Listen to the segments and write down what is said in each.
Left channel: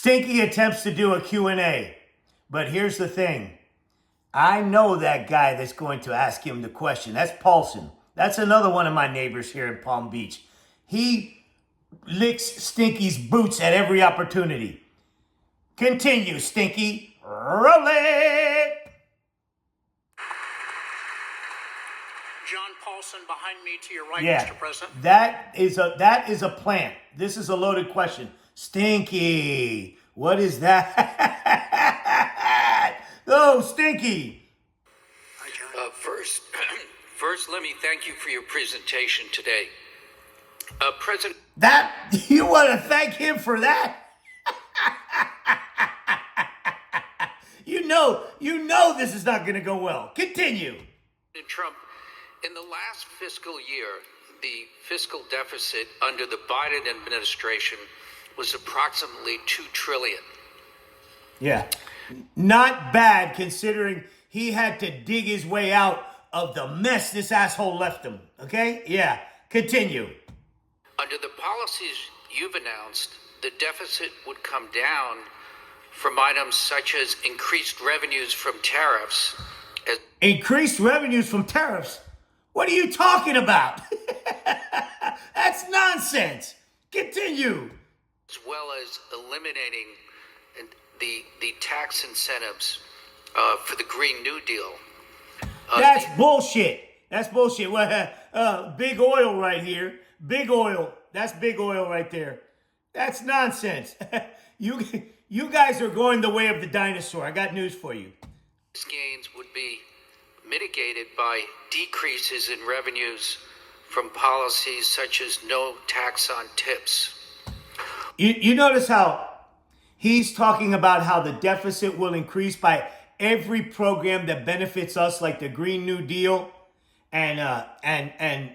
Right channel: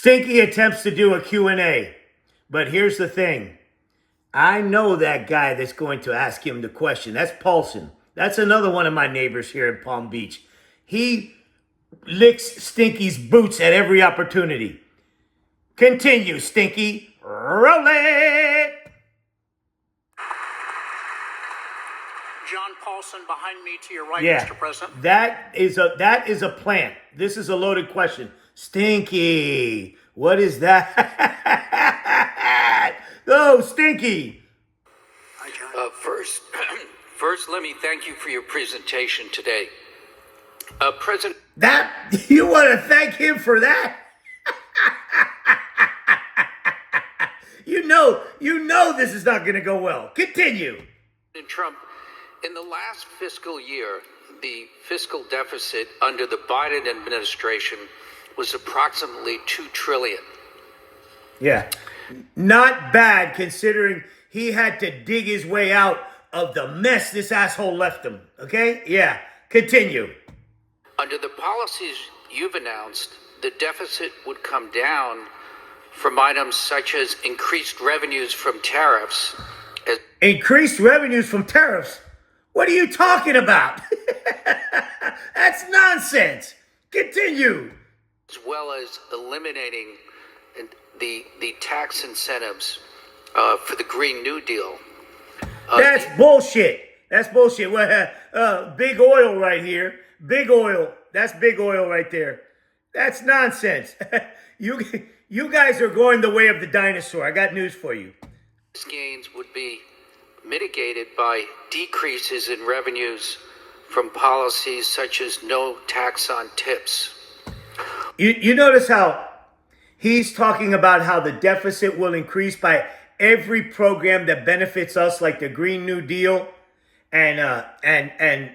Stinky attempts to do a Q&A, but here's the thing. I know that guy that's going to ask him the question. That's Paulson. That's another one of my neighbors here in Palm Beach. He licks Stinky's boots at every opportunity. Continue, Stinky. Roll it! John Paulson behind me to your right, Yeah, Mr. President. that is a plant. This is a loaded question. Stinky, what is that? Oh, Stinky. Hi, John. First, let me thank you for your presentation today. President... That, you want to thank him for that? You know this is not going to go well. Continue. Trump, in the last fiscal year, the fiscal deficit under the Biden administration was approximately $2 trillion. Yeah. Not bad considering he had to dig his way out of the mess this asshole left him. Okay? Yeah. Continue. Under the policies you've announced, the deficit would come down from items such as increased revenues from tariffs. Increased revenues from tariffs? What are you talking about? That's nonsense. Continue. As well as eliminating the tax incentives for the Green New Deal. That's bullshit. That's bullshit. Big oil right here. Big oil. That's big oil right there. That's nonsense. You guys are going the way of the dinosaur. I got news for you. These gains would be mitigated by decreases in revenues from policies such as no tax on tips. You notice how he's talking about how the deficit will increase by every program that benefits us, like the Green New Deal and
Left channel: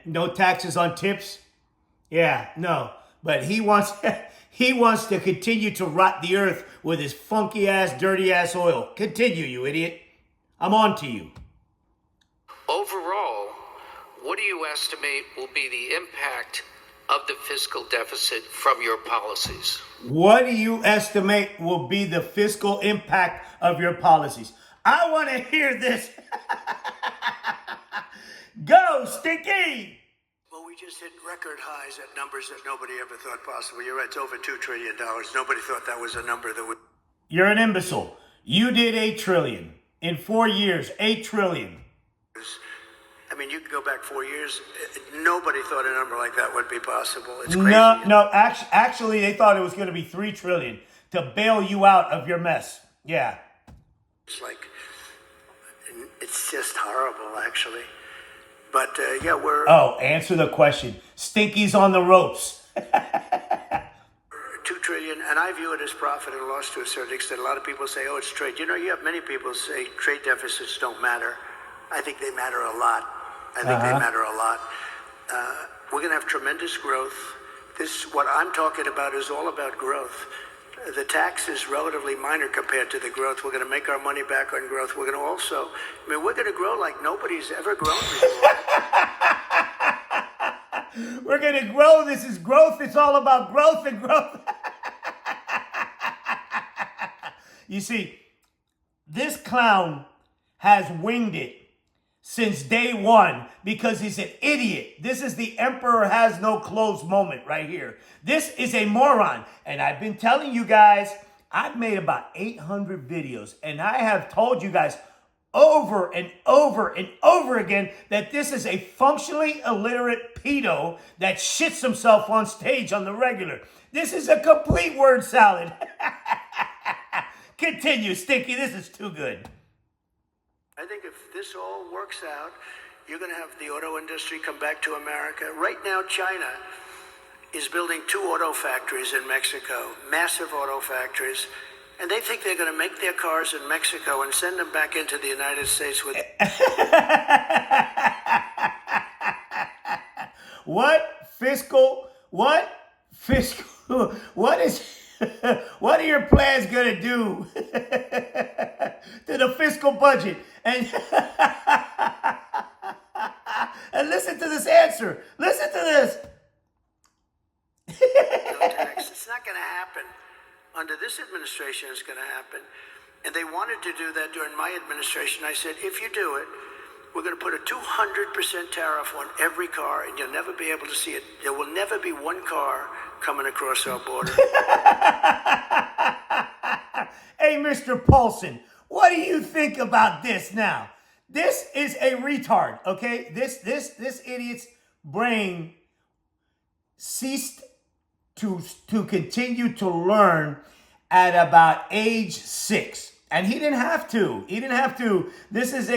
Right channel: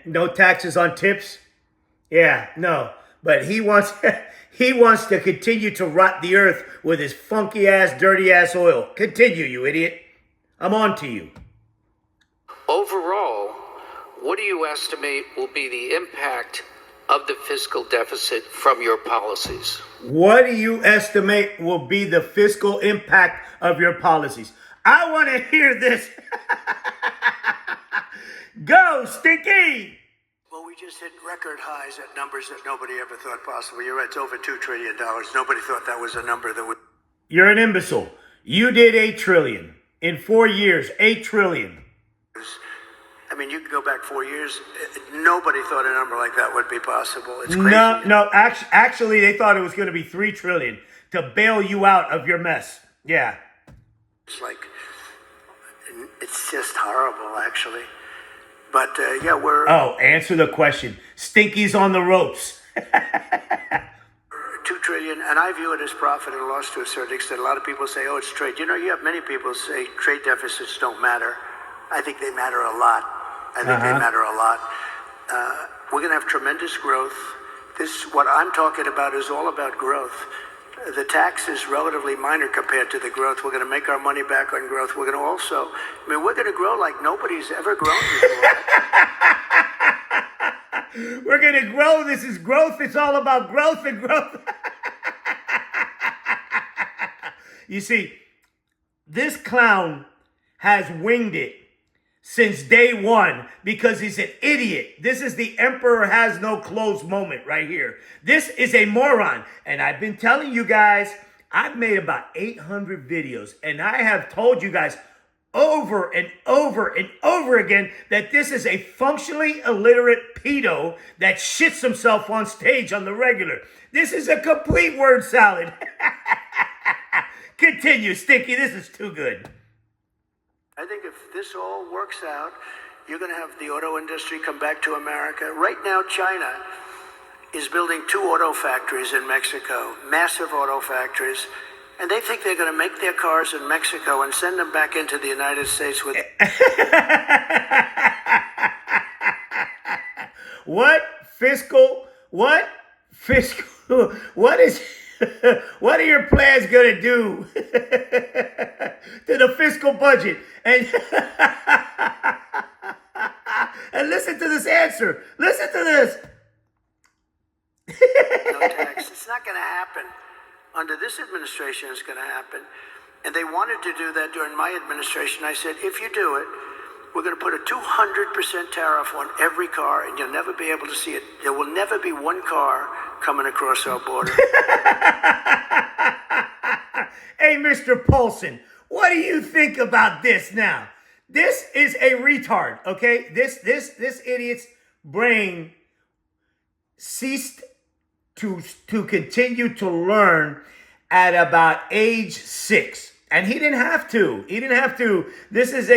no taxes on tips? Yeah, no. But he wants to continue to rot the earth with his funky ass, dirty ass oil. Continue, you idiot. I'm on to you. Overall, what do you estimate will be the impact of the fiscal deficit from your policies? What do you estimate will be the fiscal impact of your policies? I want to hear this. Go, Stinky! Well, we just hit record highs at numbers that nobody ever thought possible. You're right, it's over $2 trillion. Nobody thought that was a number that would... You're an imbecile. You did $8 trillion. In 4 years, $8 trillion. I mean, you could go back 4 years. Nobody thought a number like that would be possible. It's crazy. No. Actually, they thought it was going to be $3 trillion to bail you out of your mess. Yeah. It's like, it's just horrible, actually. But, yeah, we're... Oh, answer the question. Stinky's on the ropes. $2 trillion, and I view it as profit and loss to a certain extent. A lot of people say, oh, it's trade. You know, you have many people say trade deficits don't matter. I think they matter a lot. They matter a lot. We're going to have tremendous growth. What I'm talking about is all about growth. The tax is relatively minor compared to the growth. We're going to make our money back on growth. We're going to also, we're going to grow like nobody's ever grown before. We're going to grow. This is growth. It's all about growth and growth. You see, this clown has winged it since day one because he's an idiot. This is the emperor has no clothes moment right here. This is a moron. And I've been telling you guys, I've made about 800 videos, and I have told you guys over and over and over again that this is a functionally illiterate pedo that shits himself on stage on the regular. This is a complete word salad. Continue, Stinky. This is too good. I think if this all works out, you're going to have the auto industry come back to America. Right now, China is building 2 auto factories in Mexico, massive auto factories, and they think they're going to make their cars in Mexico and send them back into the United States with... What are your plans going to do to the fiscal budget? And listen to this answer. Listen to this. No tax. It's not going to happen. under this administration is going to happen. And they wanted to do that during my administration. I said, if you do it, we're going to put a 200% tariff on every car, and you'll never be able to see it. There will never be one car coming across our border. Hey, Mr. Paulson, what do you think about this now? This is a retard, okay? This idiot's brain ceased to continue to learn at about age 6. And he didn't have to. He didn't have to. This is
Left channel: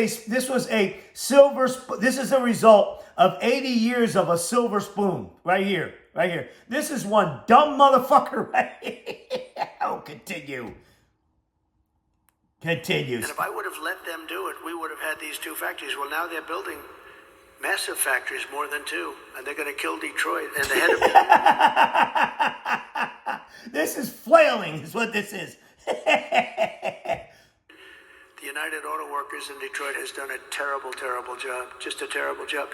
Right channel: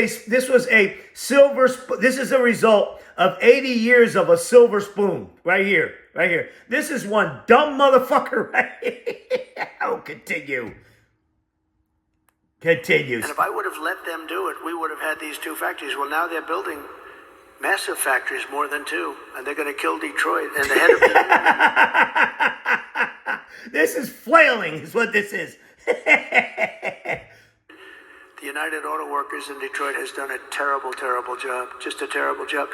a result of 80 years of a silver spoon. Right here. Right here. This is one dumb motherfucker right here. Oh, continue. Continues. And if I would have let them do it, we would have had these 2 factories. Well, now they're building massive factories, more than 2, and they're going to kill Detroit. And the head of the This is flailing, is what this is. The United Auto Workers in Detroit has done a terrible, terrible job. Just a terrible job.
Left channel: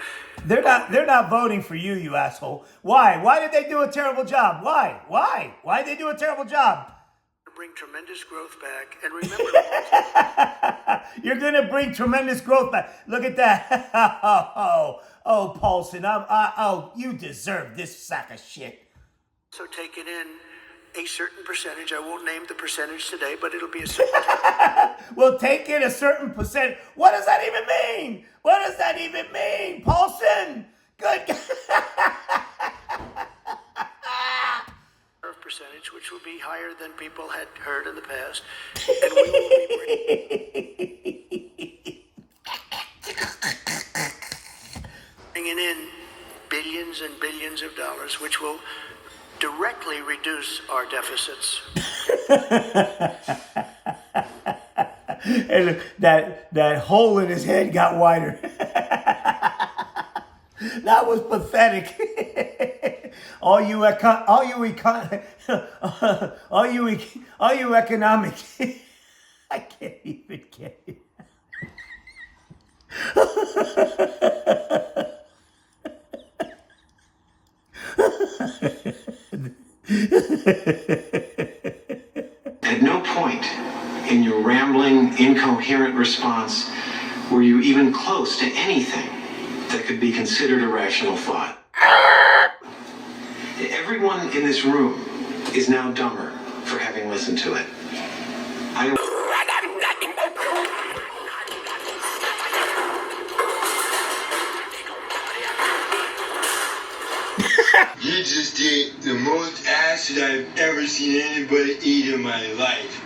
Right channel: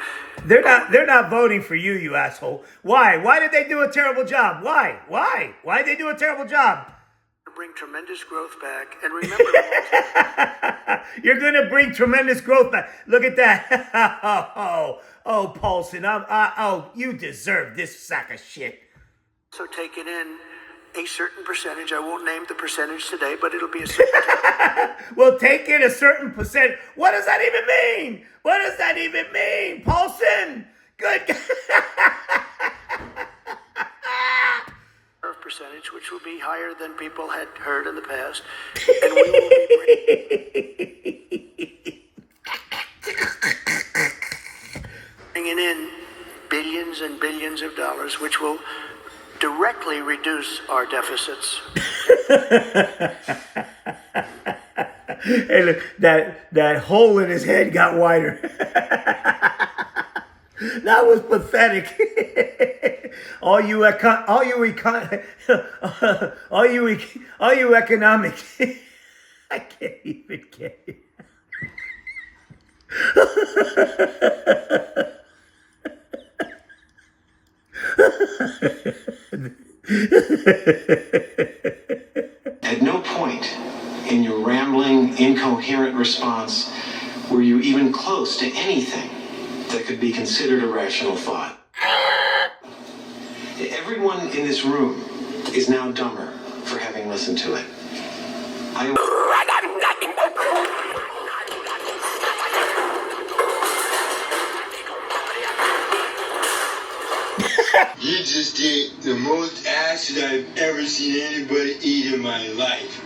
They're not voting for you, you asshole. Why? Why did they do a terrible job? Why? Why did they do a terrible job? Bring tremendous growth back. And remember, you're going to bring tremendous growth back. Look at that. Oh, Paulson. You deserve this sack of shit. So taking in a certain percentage. I won't name the percentage today, but it'll be a certain percentage. We'll take in a certain percent. What does that even mean? What does that even mean, Paulson? Good. Percentage, which will be higher than people had heard in the past, and we will be bringing in billions and billions of dollars, which will directly reduce our deficits. Hey, look, that hole in his head got wider. That was pathetic. all you economic. I can't even get it. At no point in your rambling, incoherent response were you even close to anything that could be considered a rational thought. Everyone in this room is now dumber for having listened to it. You just did the most acid I've ever seen anybody eat in my life.